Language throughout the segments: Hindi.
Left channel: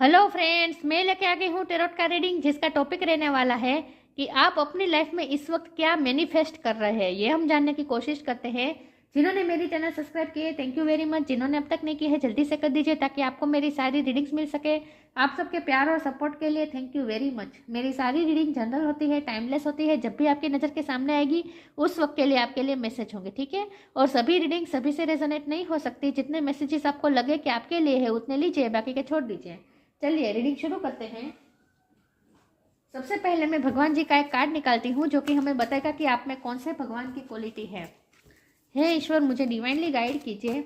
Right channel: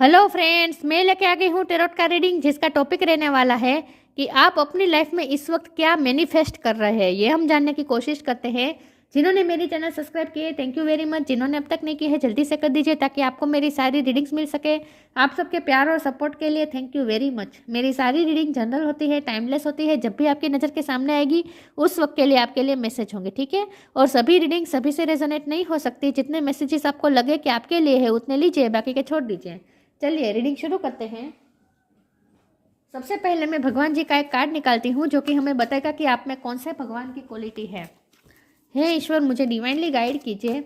हेलो फ्रेंड्स, मैं लेके आ गई हूँ टेरोट का रीडिंग, जिसका टॉपिक रहने वाला है कि आप अपनी लाइफ में इस वक्त क्या मैनिफेस्ट कर रहे हैं। ये हम जानने की कोशिश करते हैं। जिन्होंने मेरी चैनल सब्सक्राइब किए थैंक यू वेरी मच। जिन्होंने अब तक नहीं की है जल्दी से कर दीजिए ताकि आपको मेरी सारी रीडिंग्स मिल सके। आप सबके प्यार और सपोर्ट के लिए थैंक यू वेरी मच। मेरी सारी रीडिंग जनरल होती है, टाइमलेस होती है। जब भी आपकी नज़र के सामने आएगी उस वक्त के लिए आपके लिए मैसेज होंगे, ठीक है। और सभी रीडिंग सभी से रेजोनेट नहीं हो सकती। जितने मैसेजेस आपको लगे कि आपके लिए है उतने लीजिए, बाकी के छोड़ दीजिए। चलिए रीडिंग शुरू करते हैं। सबसे पहले मैं भगवान जी का एक कार्ड निकालती हूँ जो कि हमें बताएगा कि आप में कौन से भगवान की क्वालिटी है। हे ईश्वर, मुझे डिवाइनली गाइड कीजिए।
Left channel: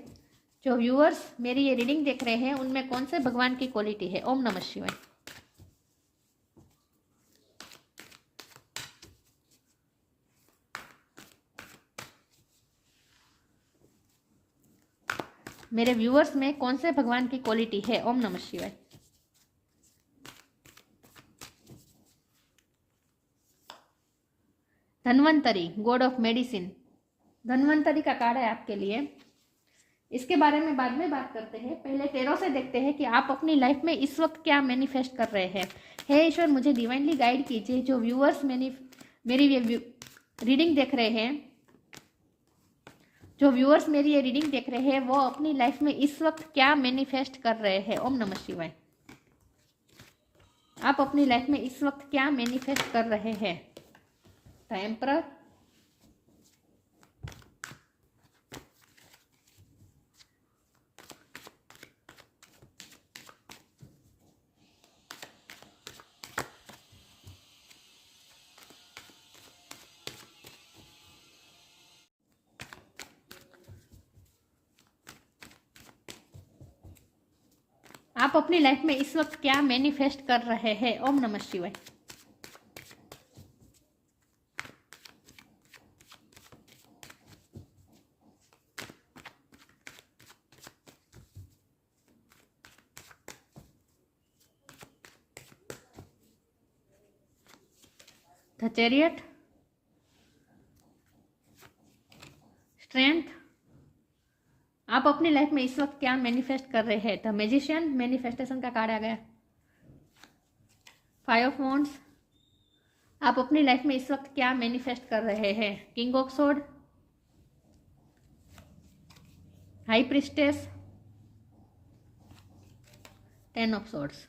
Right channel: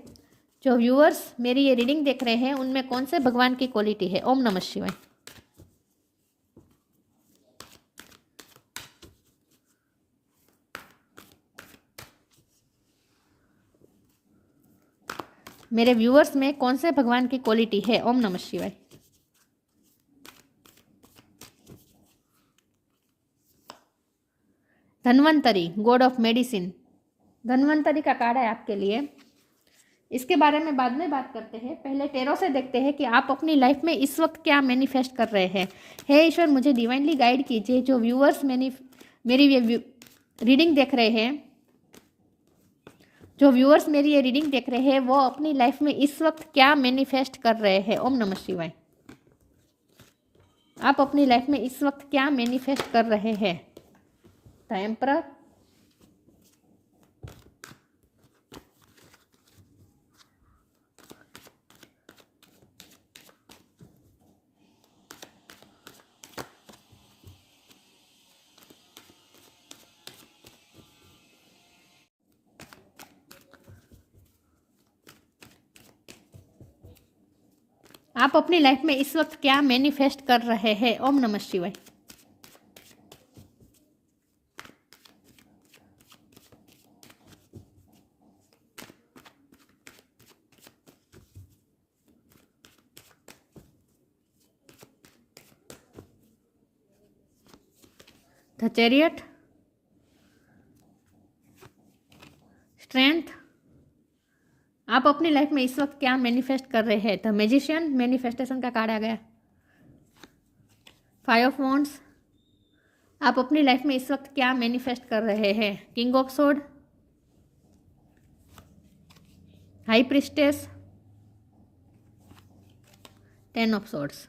जो व्यूअर्स मेरी ये रीडिंग देख रहे हैं उनमें कौन से भगवान की क्वालिटी है। ओम नमः शिवाय। मेरे व्यूअर्स में कौन से भगवान की क्वालिटी है। ओम नमः शिवाय। Dhanvantari, God of medicine. Dhanvantari का कार्ड है आपके लिए। इसके बारे में बाद में बात करते हैं। पहले टेरो से देखते हैं कि आप अपनी लाइफ में इस वक्त क्या मैनिफेस्ट कर रहे हैं। हे ईश्वर, मुझे डिवाइनली गाइड कीजिए। जो व्यूअर्स मेरी रीडिंग देख रहे हैं, जो व्यूअर्स मेरी ये रीडिंग देख रहे हैं वो अपनी लाइफ में इस वक्त क्या मैनिफेस्ट कर रहे हैं। ओम नमः शिवाय। आप अपनी लाइफ में इस वक्त क्या मैनिफेस्ट कर रहे हैं। द एम्परर, आप अपनी लाइफ में इस वक्त क्या मैनिफेस्ट कर रहे हैं। ओम नमः शिवाय। The chariot, strength. आप अपनी लाइफ में इस वक्त क्या मैनिफेस्ट कर रहे हैं। द मैजिशियन, मैनिफेस्टेशन का कार्ड आ गया। Five of wands. आप अपनी लाइफ में इस वक्त क्या मैनिफेस्ट कर रहे हैं। King of sword, high priestess, ten of swords.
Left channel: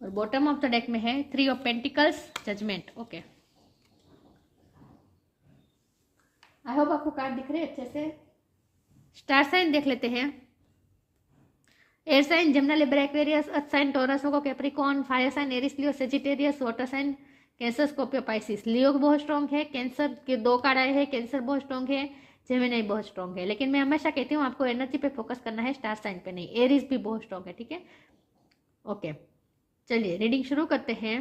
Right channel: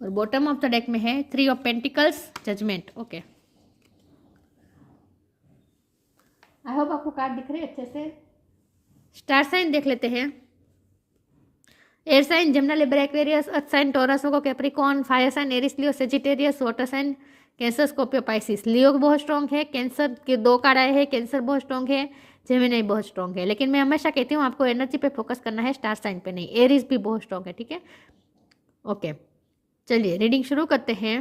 और बॉटम ऑफ द डेक में है three of pentacles, judgement. Okay, I hope आपको कार्ड दिख रहे हैं अच्छे से। स्टार साइन देख लेते हैं। Air sign Gemini, Libra, Aquarius. Earth sign Taurus, Virgo, Capricorn. Fire sign Aries, Leo, Sagittarius. Water sign Cancer, Scorpio, Pisces. Leo बहुत स्ट्रॉन्ग है। कैंसर के दो कार्ड आए हैं। कैंसर बहुत स्ट्रॉन्ग है, जेमिनी बहुत स्ट्रॉन्ग है। लेकिन मैं हमेशा कहती हूँ आपको एनर्जी पे फोकस करना है, स्टार साइन पे नहीं। एरिस भी बहुत स्ट्रॉन्ग है, ठीक है। ओके, चलिए रीडिंग शुरू करते हैं।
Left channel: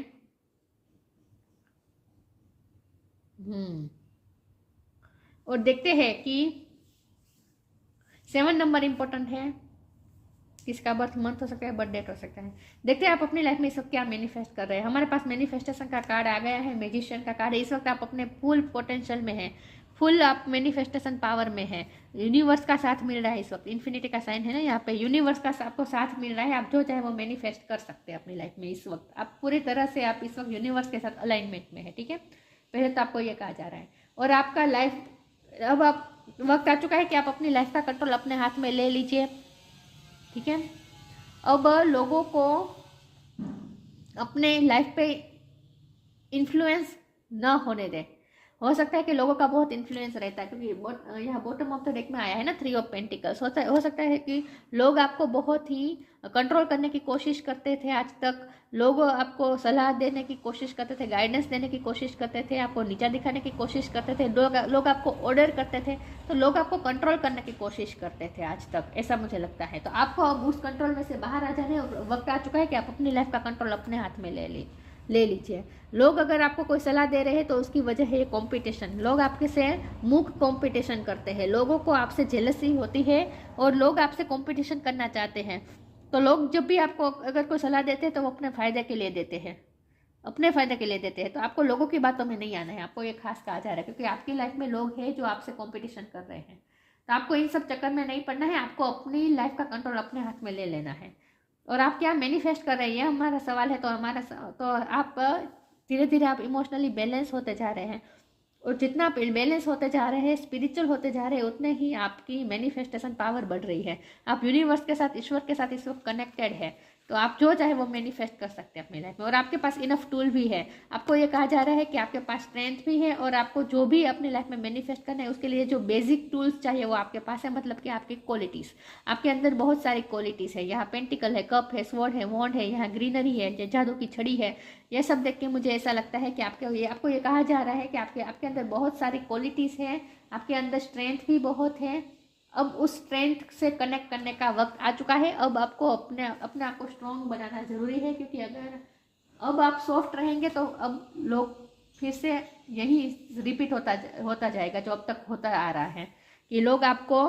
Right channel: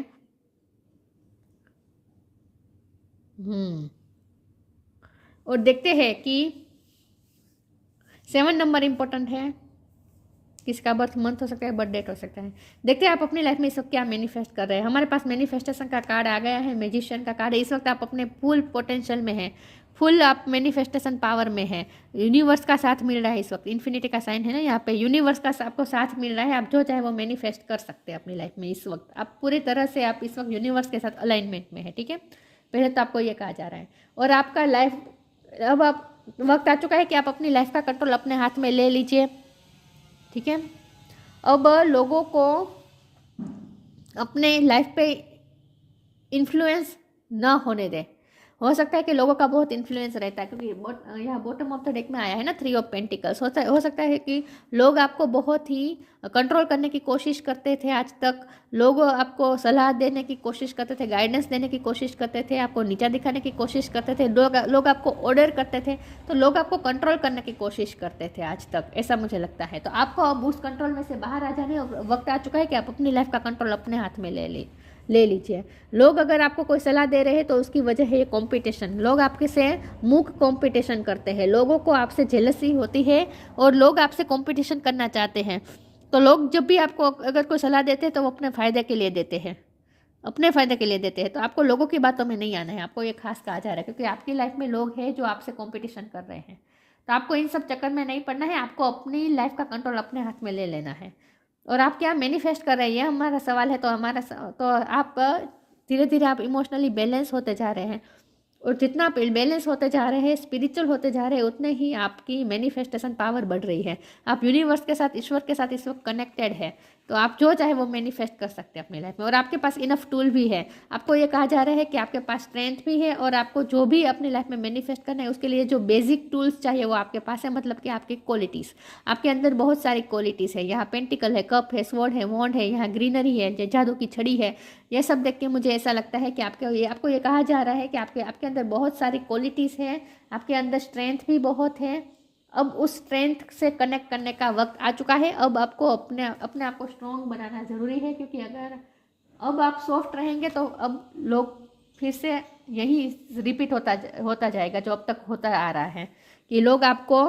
और देखते हैं कि 7 नंबर इंपॉर्टेंट है। किसका बर्थ मंथ हो सकता है, बर्थ डेट हो सकता है। देखते हैं आप अपनी लाइफ में इस वक्त क्या मैनिफेस्ट कर रहे हैं। हमारे पास मैनिफेस्टेशन का कार्ड आ गया है, मैजिशियन का कार्ड है। इस वक्त आप अपने फुल पोटेंशियल में हैं, फुल आप मैनिफेस्टेशन पावर में है। यूनिवर्स का साथ मिल रहा है इस वक्त। इन्फिनिटी का साइन है ना यहाँ पे। यूनिवर्स का आपको साथ मिल रहा है। आप जो चाहे वो मैनिफेस्ट कर सकते हैं अपनी लाइफ में इस वक्त। आप पूरी तरह से आप इस वक्त यूनिवर्स के साथ अलाइनमेंट में है, ठीक है। पहले तो आपको ये कहा जा रहा है। और आपका लाइफ अब आप वक्त आ चुका है कि आप अपनी लाइफ का कंट्रोल अपने हाथ में ले लीजिए, ठीक है। अब लोगों को अपने लाइफ पे इन्फ्लुएंस न होने दें। हो सकता है कि लोगों का बहुत इन्फ्लुएंस रहता है, क्योंकि यहाँ बॉटम ऑफ द डेक में आया है ना थ्री ऑफ पेंटिकल्स। हो सकता है कि लोग आपको बहुत ही कंट्रोल करने की कोशिश करते थे आज तक। लोग आपको सलाह देने की कोशिश करते थे, गाइडेंस देने की कोशिश करते थे, आपको नीचा दिखाने की कोशिश करते थे। लोग आपको ऑर्डर करते थे, तो लोग आपको कंट्रोल करने की कोशिश करते थे आज तक, ऐसा मुझे लगता है। तो आपको अब उस कंट्रोल में से बाहर आ जाने वक्त आ चुका है कि आप अपनी लाइफ का कंट्रोल अपने हाथ में ले लीजिए। लोग अगर आपको कोई सलाह दे रहे हैं तो उसकी वजह है ये कंपटीशन। लोग आपके से मुख कंपटीशन करते हैं, लोगों को आपसे जेलसी होती है और लोग आपसे कंपटीशन करना चाहते हैं। तो लोग जब भी आपको अगर कोई सलाह देते हैं तो वो अपने फ़ायदे के लिए देते हैं, अपने फ़ायदे के लिए देते हैं। तो आपको लोगों की बातों में नहीं आना है, आपको ये खास कहा जा रहा है, क्योंकि आपकी लाइफ में लोग हैं जो आपसे कॉम्पिटिशन कर रहे हैं। तो आपको इन सब चक्कर में नहीं पड़ना है, आपको अपनी लाइफ का कंट्रोल अपने हाथ में ले लेना है। और आप क्या मैनिफेस्ट कर रहे हैं, ये हमारा सवाल है। तो आप धीरे धीरे आप इमोशनली बैलेंस होते जा रहे हैं, और जितना आप बैलेंस होते जा रहे हैं, स्पिरिचुअल होते जा रहे हैं, उतने ही आपकी मैनिफेस्टेशन पावर बढ़ रही है। आप यूनिवर्स के साथ, ईश्वर के साथ इस वक्त कनेक्टेड है, तो आप जो चाहे वो मैनिफेस्ट कर सकते हैं अपनी लाइफ में। और आपके पास इनफ टूल भी है। आपको ये कहा जा रहा है कि आपके पास स्ट्रेंथ भी है, और आपको जो भी अपनी लाइफ में मैनिफेस्ट करना है उसके लिए जो बेसिक टूल्स चाहिए वो आपके पास है। मतलब कि आपकी क्वालिटीज़, आपके अंदर बहुत सारी क्वालिटीज़ है। यहाँ पेंटिकल है, कप है, स्वॉर्ड है, वॉन्ड है, यहाँ ग्रीनरी है, जादू की छड़ी है। ये सब देख के मुझे ऐसा लगता है कि आपको ये कहा जा रहा है कि आपके अंदर बहुत सारी क्वालिटीज़ है, आपके अंदर स्ट्रेंथ भी बहुत है। अब उस स्ट्रेंथ से कनेक्ट करने का वक्त आ चुका है। अब आपको अपने अपने आप को स्ट्रॉन्ग बनाना ज़रूरी है, क्योंकि अगर अब आप सॉफ्ट रहेंगे तो अब लोग फिर से यही रिपीट होता जाएगा जो अब तक होता आ रहा है, कि लोग आपको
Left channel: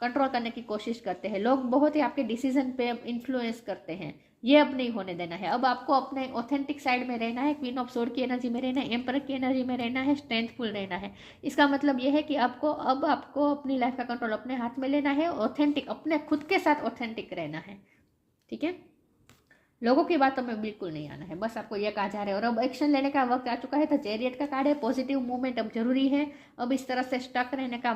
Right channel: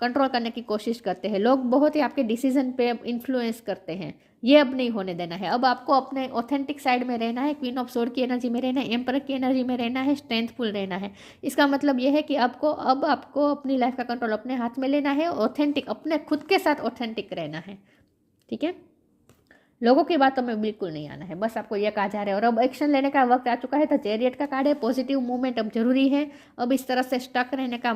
कंट्रोल करने की कोशिश करते हैं, लोग बहुत ही आपके डिसीजन पे इन्फ्लुएंस करते हैं। ये अब नहीं होने देना है। अब आपको अपने ऑथेंटिक साइड में रहना है, क्वीन ऑफ सोर्ड की एनर्जी में रहना है, एम्परर की एनर्जी में रहना है, स्ट्रेंथफुल रहना है। इसका मतलब ये है कि अब आपको अपनी लाइफ का कंट्रोल अपने हाथ में लेना है, ऑथेंटिक, अपने खुद के साथ ऑथेंटिक रहना है। ठीक है, लोगों की बातों में बिल्कुल नहीं आना है, बस आपको यह कहा जा रहा है। और अब एक्शन लेने का वक्त आ चुका है। तो चैरियट का कार्ड है, पॉजिटिव मूवमेंट अब जरूरी है। अब इस तरह से स्टक रहने का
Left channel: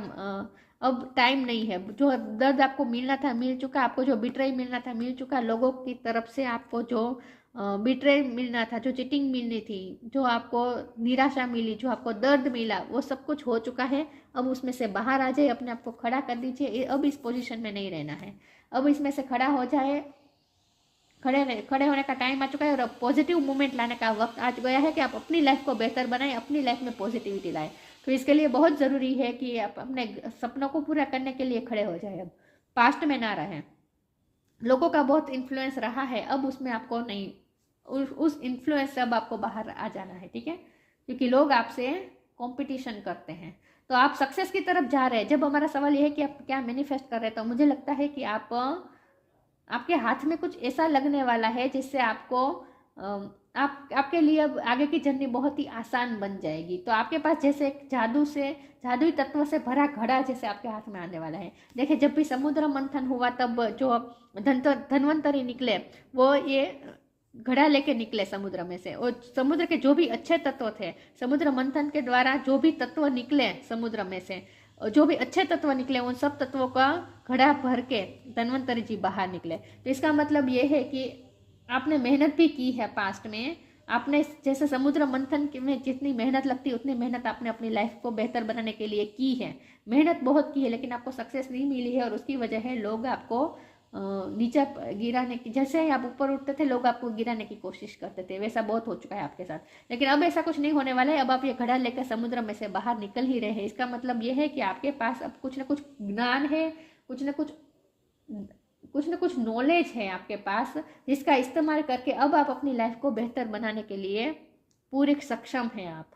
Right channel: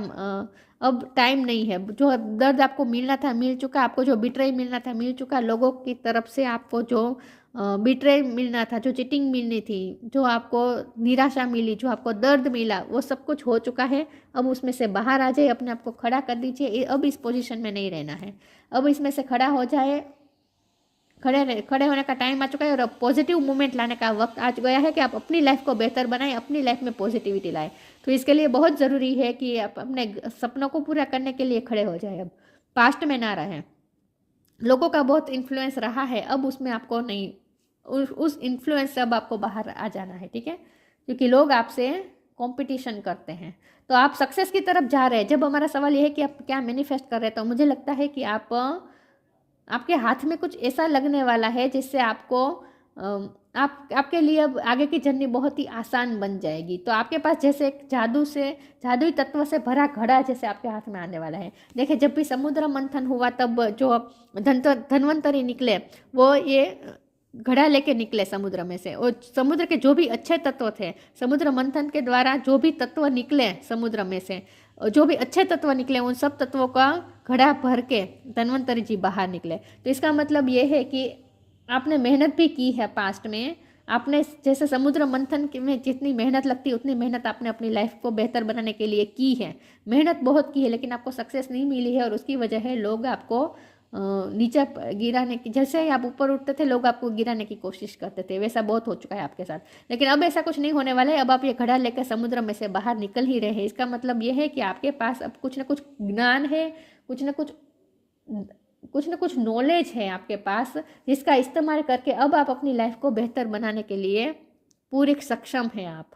अब टाइम नहीं है। जो दर्द आपको मिलना था मिल चुका, आपको जो बिट्रेय मिलना था मिल चुका, लोगों की तरफ से आपको जो बिट्रेय मिलना था, जो चीटिंग मिलनी थी, जो आपको निराशा मिली, जो आपको दर्द मिला, वो सब कुछ हो चुका है। अब उसमें से बाहर आ जाए, अपने आप को खड़ा कर दीजिए। अब इस पोजीशन में नहीं रहना है, अब इसमें से खड़ा हो जाए। खड़े होने का टाइम आ चुका है, और अब पॉजिटिव मूवमेंट लाने का वक्त आ गया है कि आप अपनी लाइफ को बेहतर बनाएं, अपनी लाइफ में पॉजिटिविटी लाएं। तो इसके लिए बहुत ज़रूरी है कि आप अपने सपनों को पूरा करने के लिए खड़े हो जाए। अब पास्ट में ना रहें। लोगों का बहुत इन्फ्लुएंस रहा है, अब उसमें आपको नहीं, उस इन्फ्लुएंस से अब आपको बाहर आ जाना है। ठीक है, क्योंकि लोग आपसे कंपटीशन करते हैं। तो आप सक्सेस की तरफ जा रहे हैं। जब हमारा सवाल यह है कि आप क्या मैनिफेस्ट कर रहे हैं, तो मुझे लगता है कि आपके हाथ में कुछ ऐसा लगने वाला है जिससे आपको आपके लिए अब आगे की जर्नी बहुत ही आसान बन जाएगी। तो आपके पास जैसे एक जादुई तत्व से भरा घड़ा जैसे आपके हाथ में आने वाला है। देखिए, जब भी समुद्र मंथन हुआ तब जो धन्वंतरी निकले, वो ये घड़ा लेके निकले समुद्र में से, और समुद्र के जो भी अच्छे तत्व थे, समुद्र मंथन के द्वारा जो भी तत्व निकले समुद्र में से, जो भी अच्छे तत्व निकले, उन सब तत्वों का घड़ा भर के धन्वंतरी जी बाहर निकले। तो इसका मतलब ये है कि आपने मेहनत भी की है पास्ट में। आपने जैसे समुद्र मंथन में जितनी मेहनत लगती है, उतनी मेहनत आपने अपनी लाइफ को बेहतर बनाने के लिए की है। मेहनत बहुत की है, लेकिन आपको सक्सेस नहीं मिली है, और उसकी वजह है लोग आपको नीचे गिराने की, जैसे ही आप ऊपर उठते थे लोग आपको गिराने की कोशिश करते थे। वैसा बहुत हो चुका है आपके साथ, लेकिन अब ऐसा कुछ नहीं होने वाला है। अब आप ये घड़ा लेकर समुद्र में से बाहर निकल ही रहे हैं। इसका मतलब ये है कि आपके पास अब कुछ ना कुछ ज्ञान है, कुछ ना कुछ नॉलेज है आपके पास, जिसका इस्तेमाल करके अब आप अपनी लाइफ को बेहतर बनाने के लिए पूरे सक्षम हैं। आप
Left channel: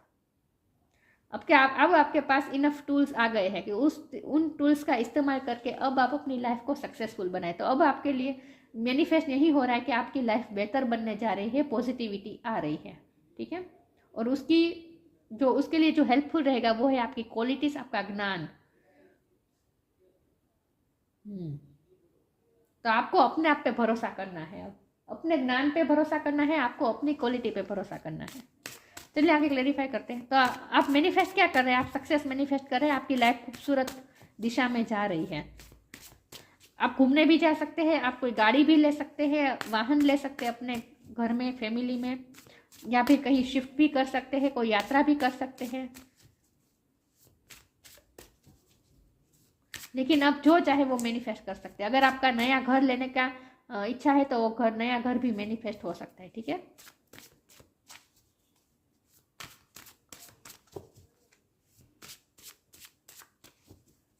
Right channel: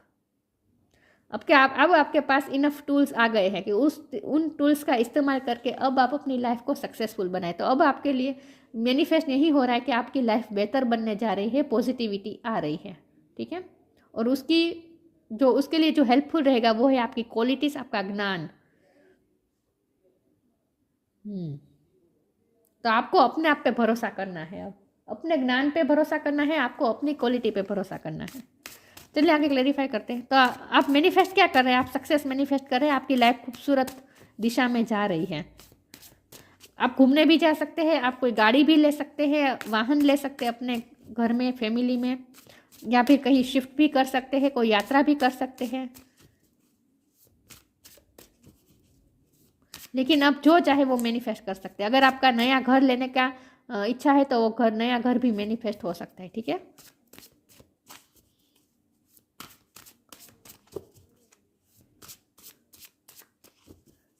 अब आपके पास इनफ टूल्स आ गए हैं कि उन टूल्स का इस्तेमाल करके अब आप अपनी लाइफ को सक्सेसफुल बनाए। तो अब आपके लिए मैनिफेस्ट यही हो रहा है कि आपकी लाइफ बेहतर बनने जा रही है, पॉजिटिविटी आ रही है। ठीक है, और उसके लिए जो हेल्पफुल रहेगा वो है आपकी क्वालिटीज, आपका ज्ञान। तो आपको अपने आप पे भरोसा करना है, अब अपने ज्ञान पे भरोसा करना है, आपको अपनी क्वालिटी पे भरोसा करना है। चलिए आगे क्लेरिफाई करते हैं। तो आप मैनिफेस्ट क्या कर रहे हैं? आप सक्सेस मैनिफेस्ट कर रहे हैं। आपकी लाइफ खूबसूरत दिशा में जा रही है। आप घूमने भी जा सकते हैं, आप कोई गाड़ी भी ले सकते हैं, वाहन ले सकते हैं अपने घर में, फैमिली में, या फिर कहीं शिफ्ट भी कर सकते हैं, कोई यात्रा भी कर सकते हैं। लेकिन आप जो चाहे वो मैनिफेस्ट कर सकते हैं। अगर आपका नया घर लेने का इच्छा है तो वो नया घर भी मैनिफेस्ट हो सकता है। ठीक है,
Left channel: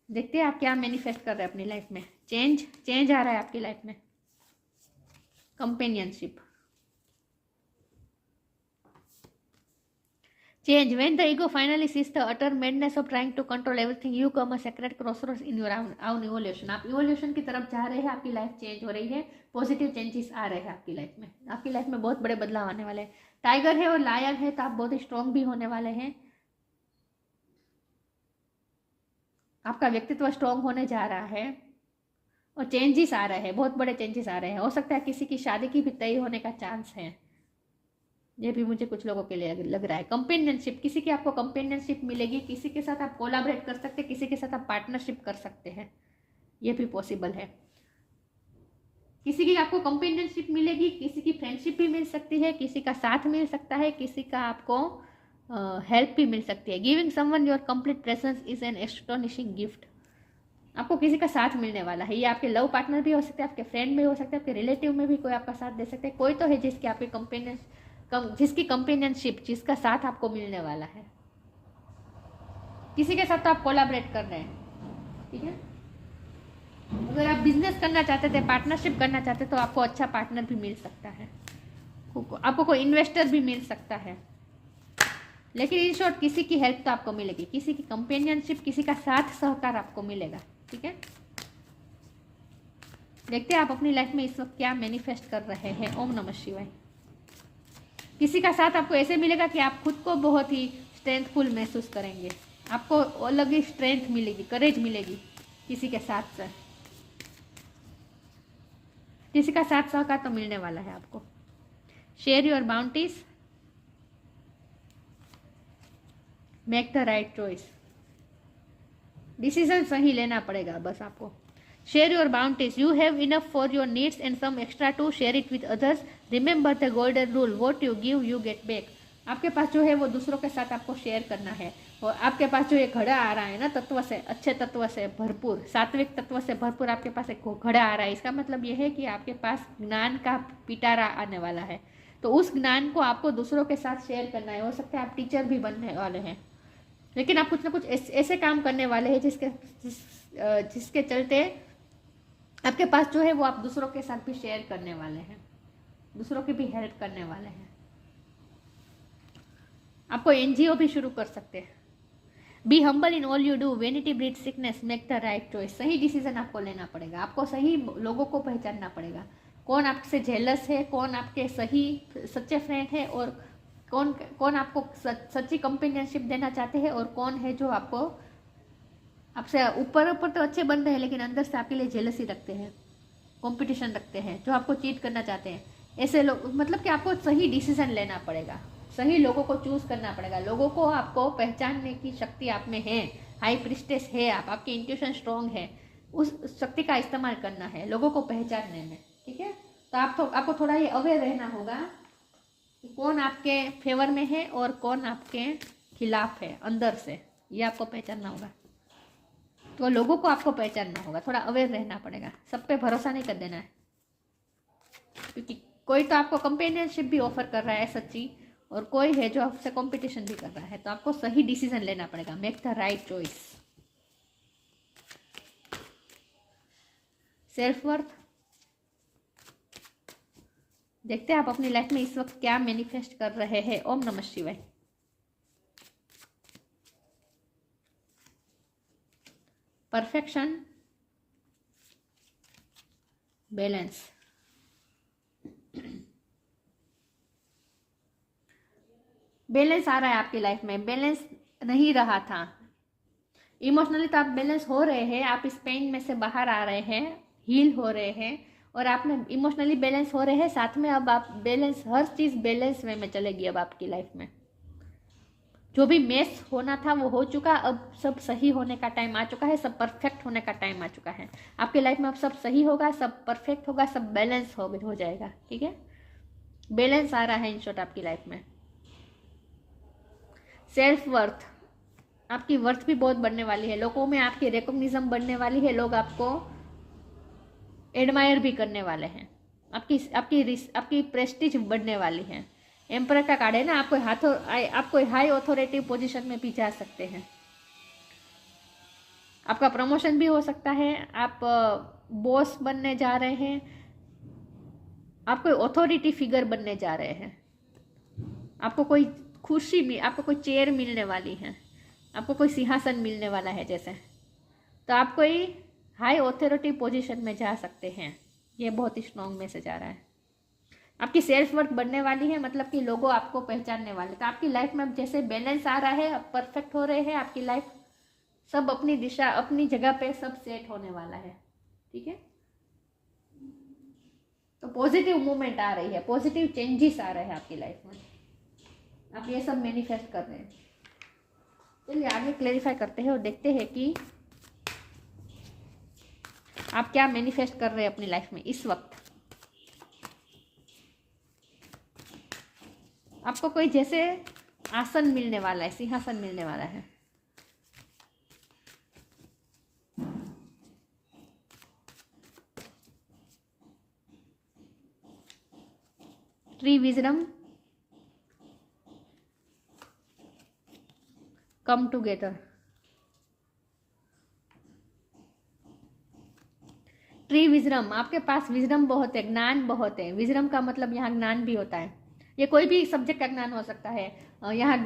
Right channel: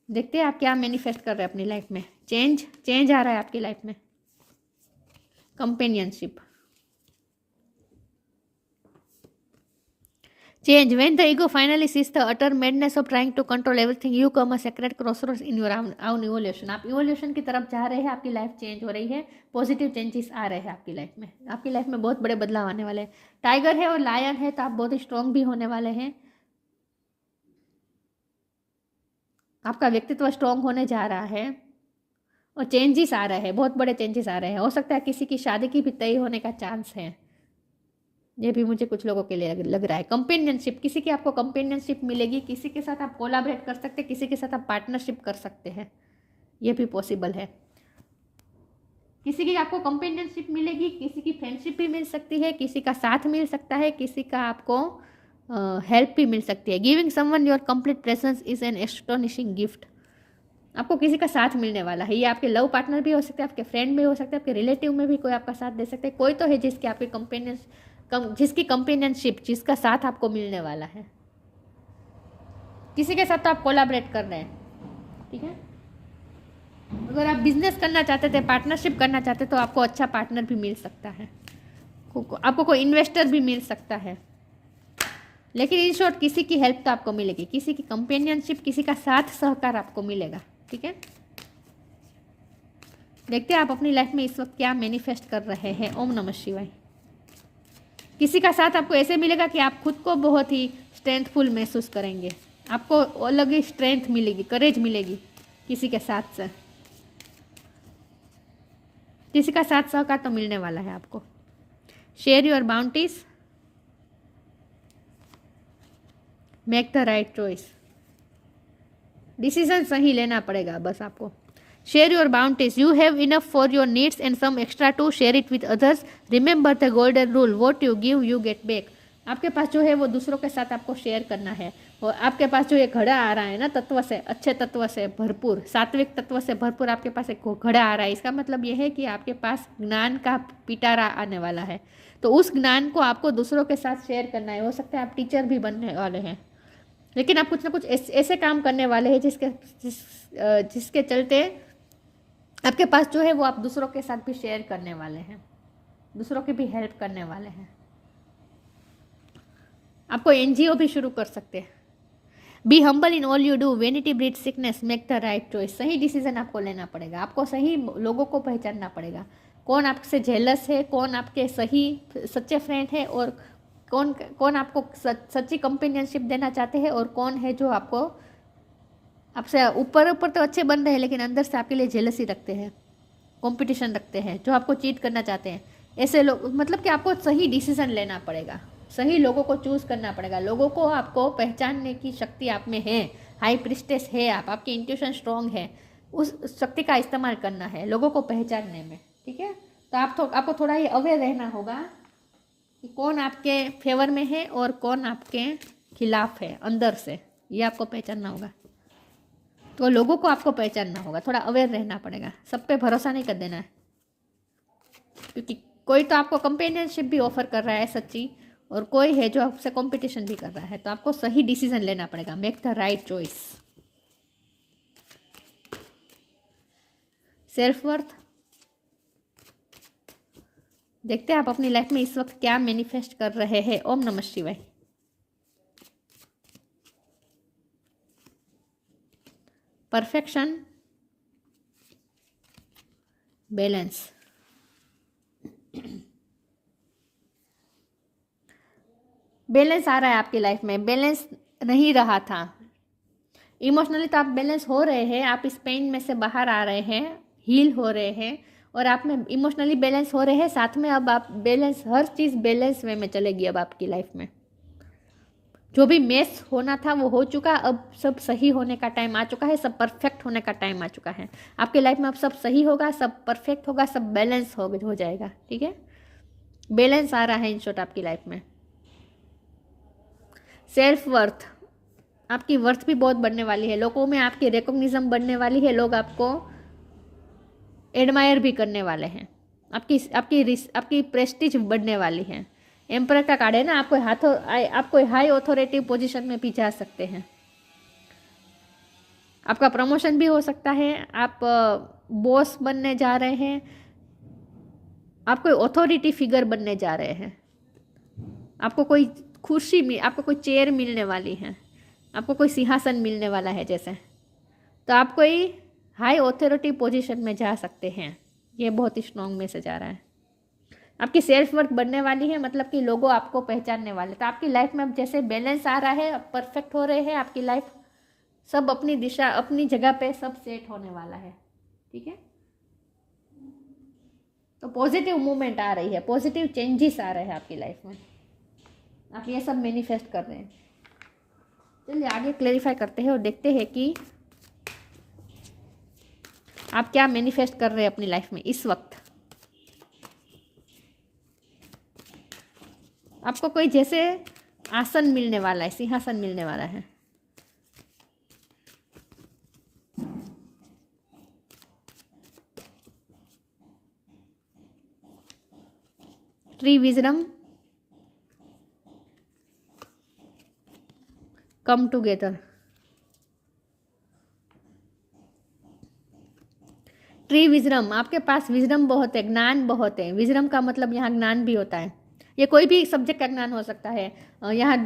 देखते हैं आप क्या मैनिफेस्ट कर रहे हैं अपनी लाइफ में। चेंज आ रहा है आपकी लाइफ में, companionship, change. When the ego finally sees the utter madness of trying to control everything, you come a sacred crossroads in your own evolution. आप इवोल्यूशन की तरफ जा रहे हैं, आपकी लाइफ चेंज हो रही है, पॉजिटिव चेंजेस आ रहे हैं आपकी लाइफ में। आपकी लाइफ में बहुत बड़े बदलाव आने वाले हैं। टाइगर है और लायन है, तो आप बहुत ही स्ट्रांग भी होने वाले हैं। आपका व्यक्तित्व स्ट्रांग होने जा रहा है, और चेंजेस आ रहे हैं, बहुत बड़े चेंजेस आ रहे हैं। हो सकता है किसी की शादी की भी तय होने का चांस है, ये भी मुझे कुछ लोगों के लिए लग रहा है। कंपेनियनशिप, किसी की आपको कंपेनियनशिप मिलेगी, किसी के साथ आप कोलैबोरेट कर सकते हैं, किसी के साथ आप पार्टनरशिप कर सकते हैं, ये भी पॉसिबल है। किसी की आपको कंपेनियनशिप मिलेगी, किसी की फ्रेंडशिप भी मिल सकती है, किसी का साथ मिल सकता है, किसी का आपको हेल्प भी मिल सकती है। Giving someone your complete presence is an astonishing gift. आपको किसी का साथ मिलने वाला है, ये आपके लव पार्टनर भी हो सकते हैं, आपके फ्रेंड भी हो सकते हैं, आपके रिलेटिव में भी कोई आपका साथ दे सकते हैं। कोई तो है जिसकी आपकी जिसकी कंपेनियनशिप, जिसका साथ आपको मिलने वाला है। किसी के साथ तो आप कोलैबोरेट कर रहे हैं, ठीक है। अगर आप बिजनेस करना चाहते थे, पार्टनरशिप करना चाहते तो आपको अच्छा पार्टनर भी मिल सकता है, आपको कोई इन्वेस्टर भी मिल सकता है। लेकिन इन शॉर्ट किसी की हेल्प तो आपको मिलेगी, किसी की कंपेनियनशिप, किसी का साथ सहकार आपको मिलेगा, ठीक है। देखते हैं आप अपनी लाइफ में इस वक्त क्या मैनिफेस्ट कर रहे हैं। ओम नमः शिवाय। किसी का साथ आपको ऐसे मिलेगा कि आप खुद को बहुत ही स्ट्रेंथफुल महसूस करेंगे, आपको अलग ही स्ट्रेंथ मिलेगी, करेज मिलेगी किसी के साथ से। किसी का साथ सहकार तो मिलने वाला है आपको। Share your bounties, make the right choice. Decision सही लेना पड़ेगा बस आपको। Share your bounties, you have enough for your needs and some extra to share it with others. Remember the golden rule, what you give you get back. आपके पास जो है वो दूसरों के साथ आपको शेयर करना है। और आपके पास जो एक घड़ा आ रहा है ना, तत्व से, अच्छे तत्व से भरपूर, सात्विक तत्व से भरपूर आपके पास एक घड़ा आ रहा है, इसका मतलब यह है कि आपके पास ज्ञान का पिटारा आने वाला है। तो उस ज्ञान को आपको दूसरों के साथ शेयर करना है। हो सकता है आप टीचर भी बनने वाले हैं, लेकिन आप कुछ ना कुछ ऐसे काम करने वाले हैं जिसके चलते आपके पास जो है वो आप दूसरों के साथ भी शेयर करने वाले हैं, दूसरों की भी हेल्प करने वाले हैं। आपको एनजीओ भी शुरू कर सकते हैं। Be humble in all you do, vanity breed sickness, make the right choice. सही डिसीजन आपको लेना पड़ेगा, आपको सही लोगों को पहचानना पड़ेगा। कौन आपसे जेलस है, कौन आपके सही सच्चे फ्रेंड है, और कौन कौन आपको सच्ची कंपेनियनशिप देना चाहते हैं, और कौन है जो आपको आपसे ऊपर ऊपर तो अच्छे बन रहे हैं लेकिन अंदर से आपके लिए जेलसी रखते हैं, कंपटीशन रखते हैं, जो आपको चीट करना चाहते हैं। ऐसे लोग, मतलब कि आपको सही डिसीजन लेना पड़ेगा, सही लोगों को चूज करना पड़ेगा। लोगों को आपको पहचानने की शक्ति आप में है, हाई प्रिस्टेस है आप, आपकी इंट्यूशन स्ट्रॉन्ग है, उस शक्ति का इस्तेमाल करना है लोगों को पहचानने में, ठीक है। तो आपको थोड़ा ये अवेयर रहना होगा कि कौन आपके फेवर में है और कौन आपके खिलाफ है अंदर से, ये आपको पहचानना होगा। तो लोगों को आपको पहचानना होगा, थोड़ा अवेयर रहना पड़ेगा, सब पे भरोसा नहीं कर देना है, क्योंकि कोई तो आपको कंपेनियनशिप भी ऑफर कर रहा है सच्ची, और कोई है जो आपसे कंपटीशन भी कर रहा है। तो आपको सही डिसीजन लेना पड़ेगा, make the right choice. Self worth, देखते हैं आप अपनी लाइफ में इस वक्त क्या मैनिफेस्ट कर रहे हैं। ओम नमः शिवाय। Perfection, balance. बैलेंस आ रहा है आपकी लाइफ में, बैलेंस नहीं रहा था। इमोशनली तो आप बैलेंस हो रहे हैं, आप इस पेन में से बाहर आ रहे हैं, हील हो रहे हैं, और आप में इमोशनली बैलेंस हो रहे हैं। साथ में अब आप बैलेंस, हर चीज़ बैलेंस वे में चलेगी अब आपकी लाइफ में। जो भी मेस होना था वो हो चुका, अब सब सही होने का टाइम आ चुका है, सब परफेक्ट होने का टाइम आ चुका है आपकी लाइफ में। अब सब सही होगा, सब परफेक्ट होगा, सब बैलेंस हो जाएगा, ठीक है। बैलेंस आ रहा है इन शॉर्ट आपकी लाइफ में। सेल्फ वर्थ, आपकी वर्थ भी बहुत बढ़ने वाली है, लोगों में आपकी रिकॉग्निशन बढ़ने वाली है, लोग आपको एडमायर भी करने वाले हैं, आपकी प्रेस्टीज बढ़ने वाली है। एम्परर का कार्ड है ना, आपको हाई ऑथोरिटी पोजीशन में भी जा सकते हैं, आपका प्रमोशन भी हो सकता है, आप बॉस बनने जा रहे हैं, आप कोई ऑथोरिटी फिगर बनने जा रहे हैं, आपको कोई आपको कोई चेयर मिलने वाली है, आपको कोई सिंहासन मिलने वाला है जैसे। तो आप कोई हाई ऑथोरिटी पोजीशन में जा सकते हैं, ये बहुत ही स्ट्रॉन्ग मैसेज आ रहा है। आपकी सेल्फ वर्थ बढ़ने वाली है, मतलब कि लोगों आपको पहचानने वाले। तो आपकी लाइफ में अब जैसे बैलेंस आ रहा है, अब परफेक्ट हो रहे हैं आपकी लाइफ, सब अपनी दिशा अपनी जगह पे सब सेट होने वाला है, ठीक है। तो पॉजिटिव मूवमेंट आ रही है, पॉजिटिव चेंजेस आ रहे हैं आपकी लाइफ में, आप ये सब मैनिफेस्ट कर रहे हैं। चलिए आगे क्लेरिफाई करते हैं और देखते हैं कि आप क्या मैनिफेस्ट कर रहे हैं अपनी लाइफ में इस वक्त। आपको कोई जैसे आसन मिलने वाला है, सिंहासन मिलने वाला है। Tree wisdom, come together. Tree wisdom, आपके पास विजडम बहुत है, ज्ञान बहुत है। विजडम का मतलब यहाँ ज्ञान भी होता है, ये कोई भी सब्जेक्ट का ज्ञान हो सकता है। यहाँ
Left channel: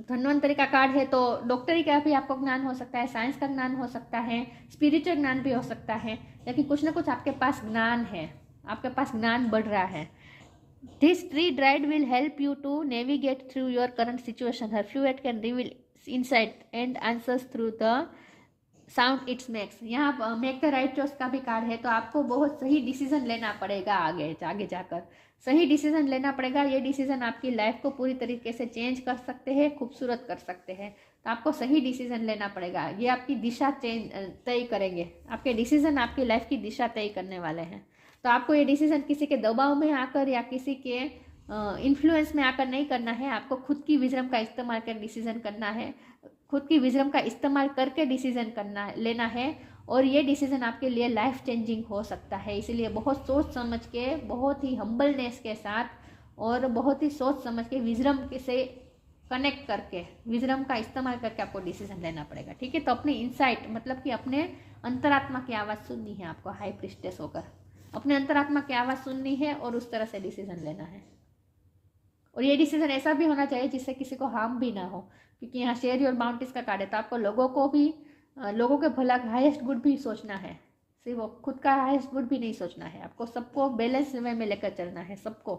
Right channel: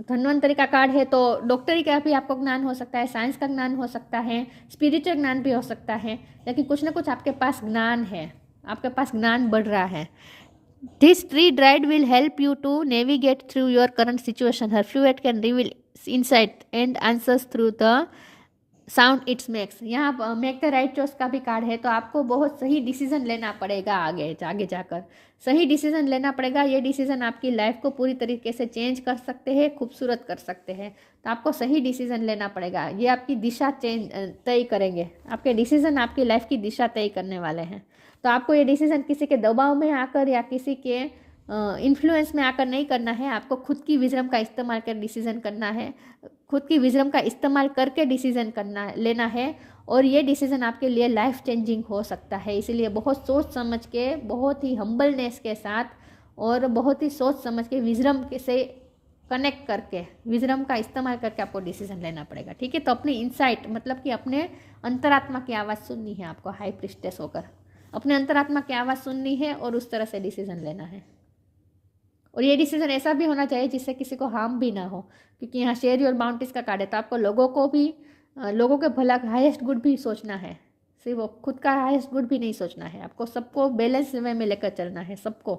धन्वंतरी का कार्ड है तो डॉक्टरी का भी आपको ज्ञान हो सकता है, साइंस का ज्ञान हो सकता है, स्पिरिचुअल ज्ञान भी हो सकता है, लेकिन कुछ ना कुछ आपके पास ज्ञान है, आपके पास ज्ञान बढ़ रहा है। This tree dryad will help you to navigate through your current situation, her fluid can reveal insight and answers through the sound it's makes. यहाँ मेक द राइट चॉइस का भी कार्ड है, तो आपको बहुत सही डिसीजन लेना पड़ेगा आगे जाकर, सही डिसीजन लेना पड़ेगा। ये डिसीजन आपकी लाइफ को पूरी तरीके से चेंज कर सकते हैं, खूबसूरत कर सकते हैं, तो आपको सही डिसीजन लेना पड़ेगा। ये आपकी दिशा तय करेंगे, आपके डिसीजन आपकी लाइफ की दिशा तय करने वाले हैं। तो आपको ये डिसीजन किसी के दबाव में आकर या किसी के इन्फ्लुएंस में आकर नहीं करना है, आपको खुद की विजडम का इस्तेमाल कर डिसीजन करना है, खुद की विजडम का इस्तेमाल करके डिसीजन लेना है, और ये डिसीजन आपके लिए लाइफ चेंजिंग हो सकता है। इसीलिए बहुत सोच समझ के, बहुत ही हम्बलनेस के साथ और बहुत ही सोच समझ के विजडम से कनेक्ट करके, विजडम का इस्तेमाल करके आपको डिसीजन लेना पड़ेगा। ठीक है, तो अपनी इंसाइट मतलब कि अपने अंतरात्मा की आवाज़ सुननी है आपको, हाई प्रिस्टेस होकर अपने अंतरात्मा की आवाज़ सुननी है और उस तरह से डिसीजन लेना है। और ये डिसीजन ऐसा भी होना चाहिए जिससे किसी को हार्म भी ना हो, क्योंकि यहाँ शेयर योर बाउंड्रीज का कार्ड है, तो आपको लोगों के भला का हाईएस्ट गुड भी सोचना है, सिर्फ वो खुद का हाईएस्ट गुड भी नहीं सोचना है, आपको सबको बैलेंस वे में लेकर चलना है, सबको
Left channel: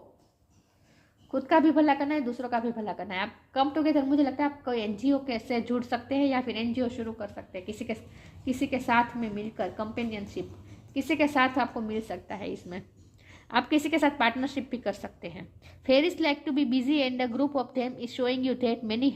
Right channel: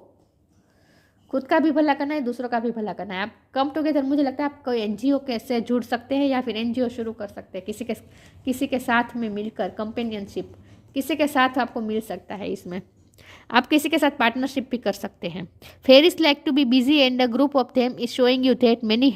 खुद का भी भला करना है, दूसरों का भी भला करना है। आप कम टुगेदर, मुझे लगता है आप कोई एनजीओ से जुड़ सकते हैं या फिर एनजीओ शुरू कर सकते हैं, किसी के साथ में मिलकर, कंपेनियनशिप किसी के साथ आपको मिल सकता है। इसमें आप किसी के साथ पार्टनरशिप भी कर सकते हैं। Fairies like to be busy and a group of them is showing you that many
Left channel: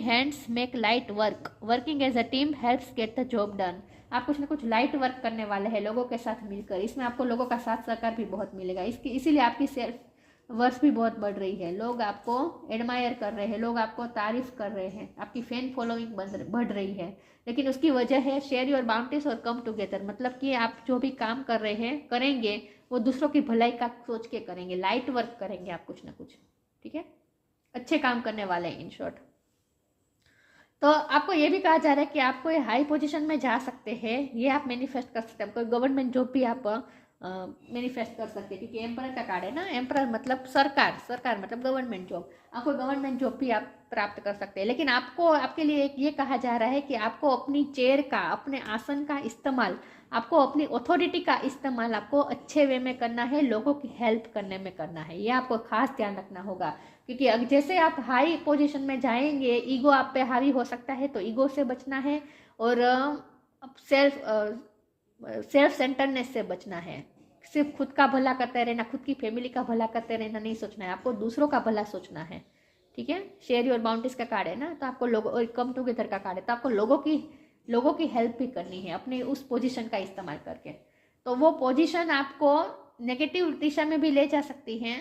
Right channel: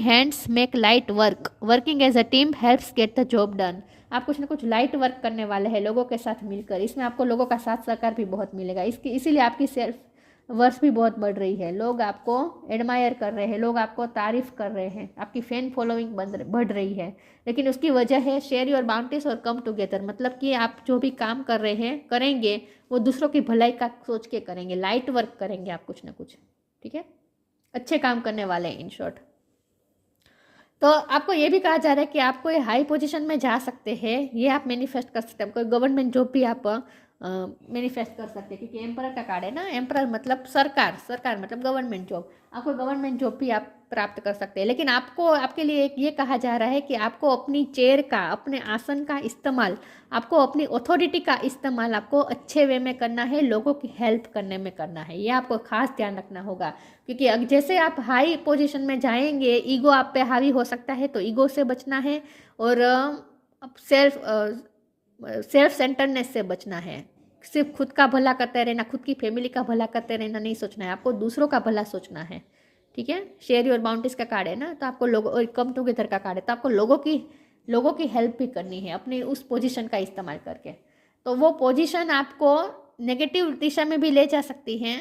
hands make light work, working as a team helps get the job done. आप कुछ ना कुछ लाइट वर्क करने वाले हैं लोगों के साथ मिलकर, इसमें आपको लोगों का साथ सहकार भी बहुत मिलेगा। इसीलिए आपकी सेल्फ वर्थ भी बहुत बढ़ रही है, लोग आपको एडमायर कर रहे हैं, लोग आपको तारीफ कर रहे हैं, आपकी फैन फॉलोइंग बढ़ रही है। लेकिन उसकी वजह है शेयर योर बाउंड्रीज और कम टुगेदर, मतलब कि आप जो भी काम कर रहे हैं करेंगे वो दूसरों की भलाई का सोच के करेंगे, लाइट वर्क करेंगे आप कुछ ना कुछ। ठीक है, अच्छे काम करने वाले हैं इन शॉर्ट। तो आपको ये भी कहा जा रहा है कि आप कोई हाई पोजीशन में जा सकते हैं, ये आप मैनिफेस्ट कर सकते हैं। कोई गवर्नमेंट जॉब भी आप मैनिफेस्ट कर सकते हैं, क्योंकि एम्परर का कार्ड है ना, एम्परर मतलब सरकार मतलब गवर्नमेंट जॉब, आपको गवर्नमेंट जॉब भी आप प्राप्त कर सकते हैं। लेकिन आपको, आपके लिए ये कहा जा रहा है कि आपको अपनी चेयर का, अपने आसन का इस्तेमाल, आपको अपनी अथॉरिटी का इस्तेमाल आपको अच्छे वे में करना है, लोगों की हेल्प करने में करना है, ये आपको खास ध्यान रखना होगा। क्योंकि जैसे आप हाई पोजीशन में जाएंगे, ईगो आप पे हावी हो सकता है, तो ईगो से बचना है और सेल्फ सेंटरनेस से बचना है। सिर्फ खुद का भला करते रहना, खुद की फैमिली का भला करते रहना नहीं सोचना है, आपको दूसरों का भला सोचना है। ठीक है, शेयर योर बाउंड्रीज का कार्ड है ना, तो आपको लोगों, और कम टुगेदर का कार्ड है, तो आपको लोगों की हेल्प भी करनी है अपनी उस पोजीशन का इस्तेमाल करके। तो वो पोजीशन आपको नेगेटिव दिशा में भी ले जा सकती है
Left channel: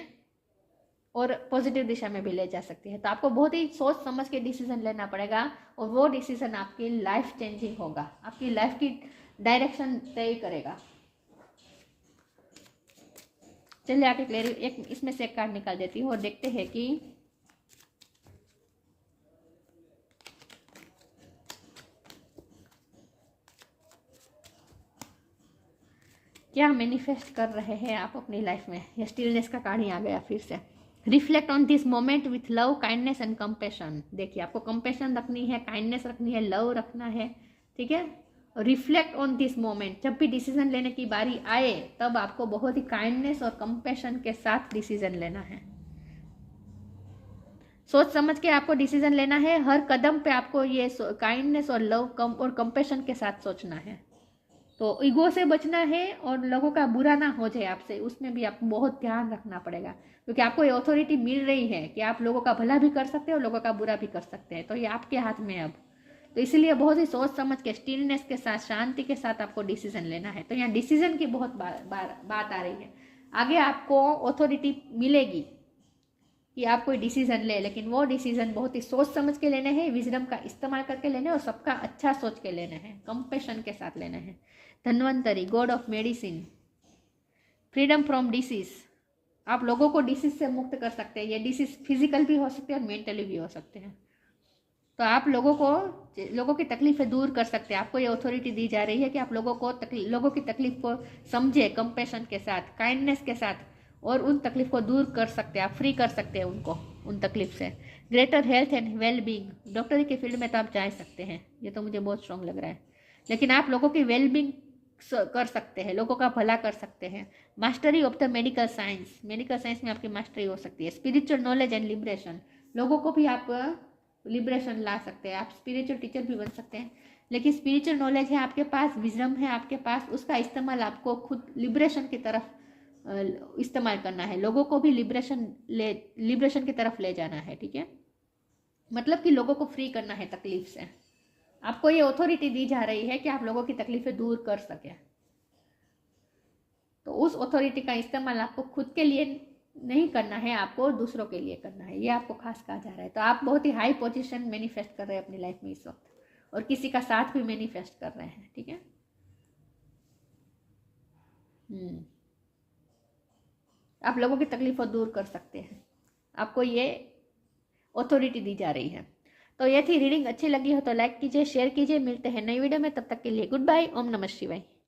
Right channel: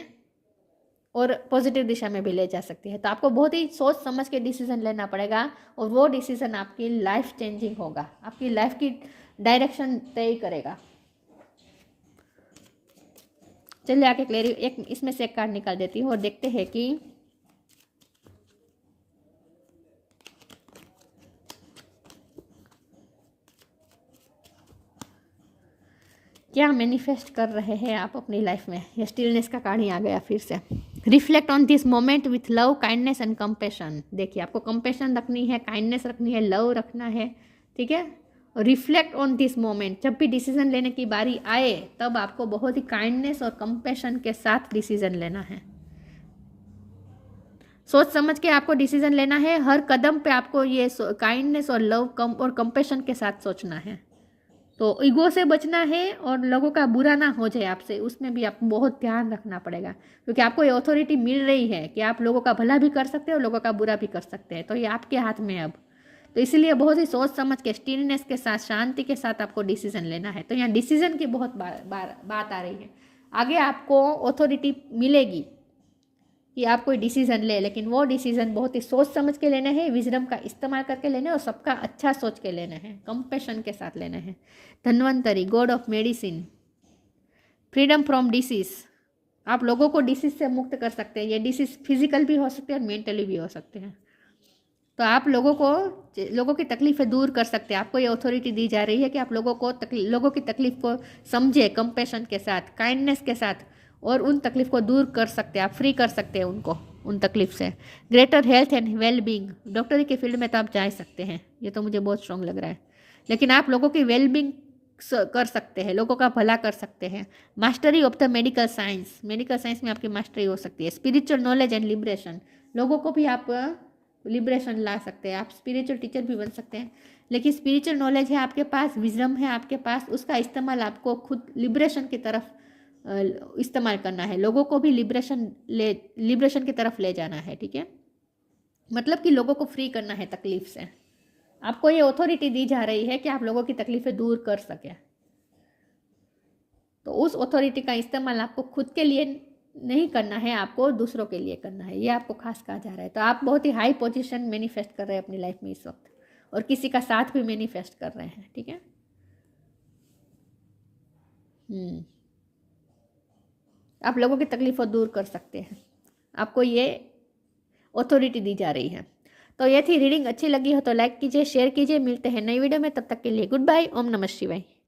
और पॉजिटिव दिशा में भी ले जा सकती है। तो आपको बहुत ही सोच समझ के डिसीजन लेना पड़ेगा, और वो डिसीजन आपकी लाइफ चेंजिंग होगा, आपकी लाइफ की डायरेक्शन तय करेगा। चलिए आके एक इसमें से एक कार्ड निकाल देती हूँ और देखते हैं कि क्या मैनिफेस्ट कर रहे हैं आप अपनी लाइफ में। ये स्टिलनेस का कार्ड ही आ गया फिर से। Reflect on this moment with love, kindness and compassion. देखिए, आपको कंपेशन रखनी है, काइंडनेस रखनी है, लव रखना है। ठीक है, रिफ्लेक्ट ऑन दिस मोमेंट, जब भी डिसीजन लेने की बारी आए तब आपको बहुत ही काइंडनेस और कंपेशन के साथ डिसीजन लेना है। सोच समझ के आपको डिसीजन लेना है, हर कदम पे आपको ये काइंडनेस और लव और कंपेशन के साथ सोचना है। तो ईगो से बचना है और लोगों का बुरा ना हो जाए आपसे, उसमें भी आपको बहुत ध्यान रखना पड़ेगा, क्योंकि आपको ये अथॉरिटी मिल रही है कि आप लोगों का भला भी कर सकते हैं और लोगों का बुरा भी कर सकते हैं, तो ये आपके हाथ में है अब। तो इसीलिए बहुत ही सोच समझ के, स्टिलनेस के साथ, शांति के साथ आपको डिसीजन लेना है। तो यहाँ डिसीजन की बहुत बात आ रही है। आगे आपको अथॉरिटी मिलेगी कि आप कोई डिसीजन ले, लेकिन वो डिसीजन बहुत ही सोच समझ के लेने हैं, विजडम का इस्तेमाल करके लेने और सबका अच्छा सोच के लेने हैं, कंपैशन के साथ लेने हैं। Dhanvantari, God of medicine, freedom from disease, आप लोगों को डिसीज से मुक्त कर सकते हैं। ये डिसीज फिजिकल भी हो सकते हैं और मेंटली भी हो सकते हैं। तो आप लोगों की तकलीफें दूर कर सकते हैं। आपको ये अथॉरिटी दी जा रही है कि आप लोगों की तकलीफ को समझे, कंपैशन के साथ, काइंडनेस के साथ, और उन तकलीफ को दूर कर सकते हैं, आप फ्री कर सकते हैं उनको, उन तकलीफ से। Greater health and well being, डॉक्टरी के फील्ड में तो आप जा सकते हैं, ये तो मुझे बहुत स्ट्रांग लग रहा है, लेकिन आप लोगों की वेल बींग कर सकते हैं, लोगों का भला कर सकते हैं। Mastery of the medical science, medical science में आपकी मास्टरी हो सकती है। स्पिरिचुअल नॉलेज एंड लिबरेशन, लोगों को भी आप लिबरेशन ला सकते हैं, आप स्पिरिचुअल टीचर भी बन सकते हैं। लेकिन स्पिरिचुअल नॉलेज है आपके पास, विजडम है आपके पास, उसका इस्तेमाल आपको खुद लिबरेशन की तरफ इस्तेमाल करना है, लोगों को भी लिबरेशन की तरफ ले जाना है, ठीक है। मतलब कि लोगों को फ्री करना है तकलीफ से। आपको ये अथॉरिटी दी जा रही है कि आप लोगों की तकलीफें दूर कर सके, तो उस अथॉरिटी का इस्तेमाल आपको खुद के लिए नहीं करना है, आपको दूसरों के लिए करना है, ये आपको खास कहा जा रहा है। तो आप बहुत ही हाई पोजीशन मैनिफेस्ट कर रहे हैं अपनी लाइफ में इस वक्त, और किसी का साथ भी मैनिफेस्ट कर रहे हैं, ठीक है। आप लोगों की तकलीफों दूर कर सकते हैं, आपको ये अथॉरिटी दी जा रही है। तो ये थी रीडिंग। अच्छी लगी हो तो लाइक कीजिए, शेयर कीजिए। मिलते हैं नई वीडियो में, तब तक के लिए गुड बाय। ओम नमः शिवाय।